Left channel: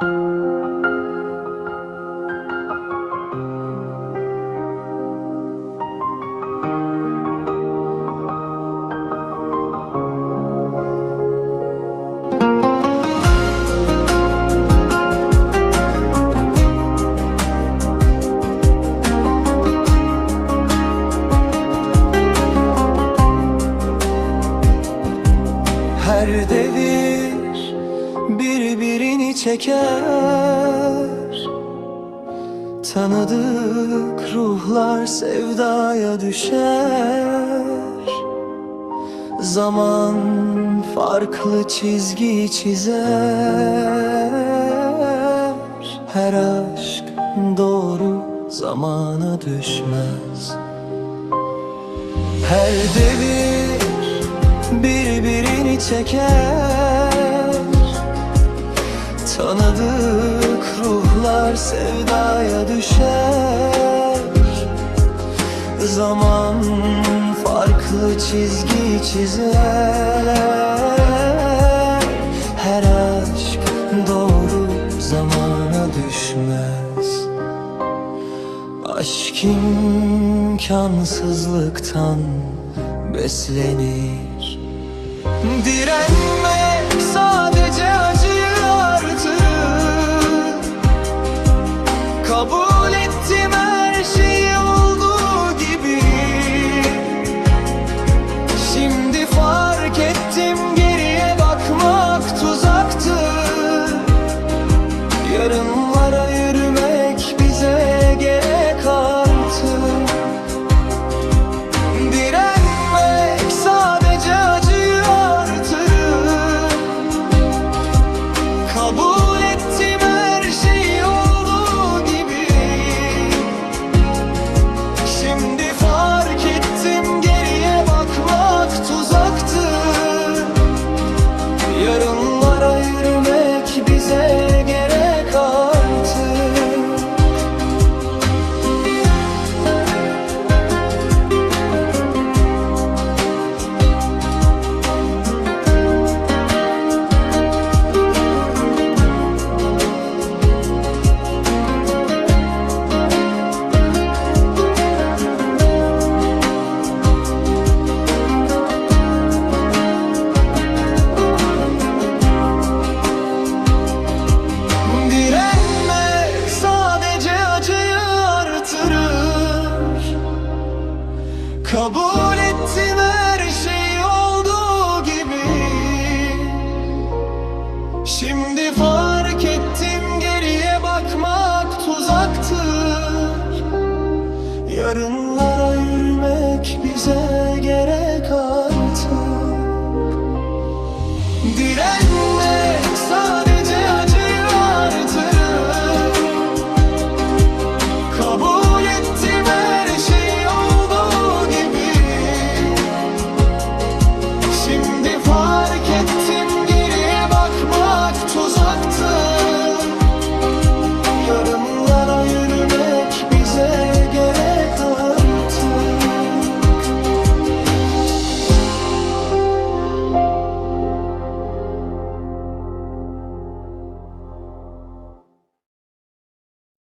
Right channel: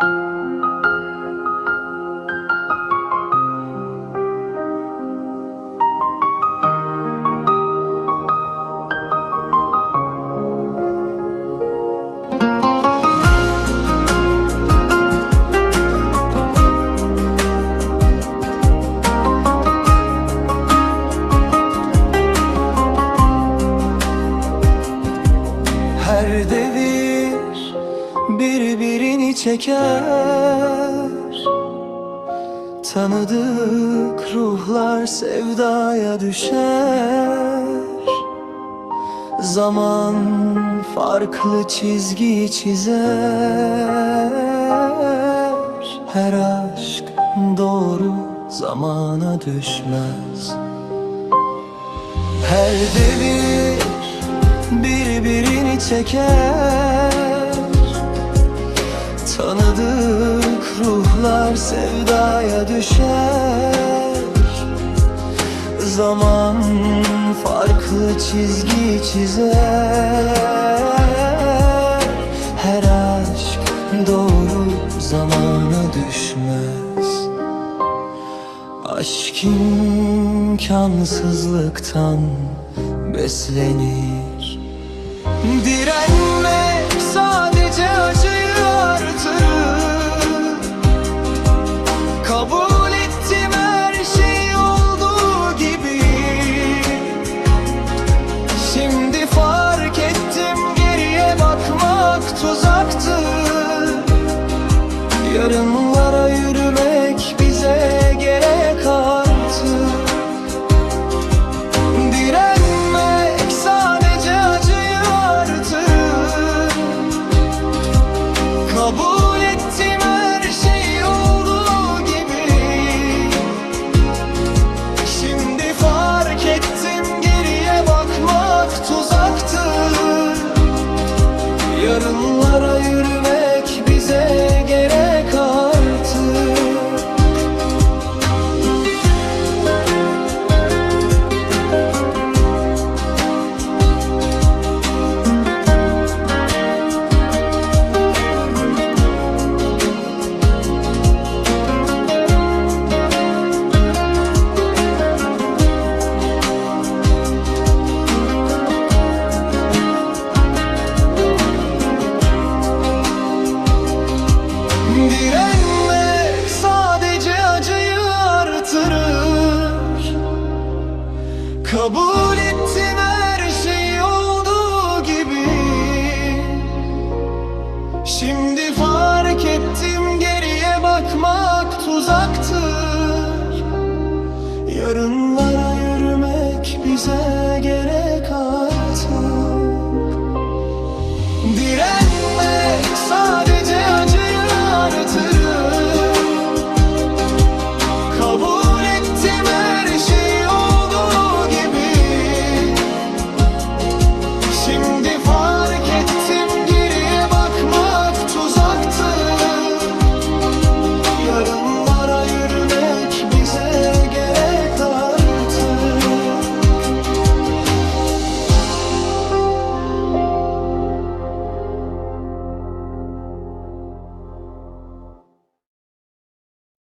Her devir birbirini çeker. Tanıdık ruhlar sevdaya düşer. Zaman farklı çizgi çizer. Her aşk doğru zamana düşmez. Her devir birbirini çeker Tanıdık ruhlar sevdaya düşer. Zaman farklı çizgi çizer. Her aşk doğru zamana düşmez. Aşk imkansızlıktan beslenir. Direnmek sadece Kabul ettim her şey olduğu gibi. Şimdi fark ettim geriye bakmak tuzaktı. Yarınlara yürümek bize gerek artık bize gerek artık Direnmek sadece acıyı artırır. Kabul ettim her şey olduğu gibi. Şimdi fark ettim geriye bakmak tuzaktır. Yarınlara yürümek bize gerek artık. Direnmek yollarında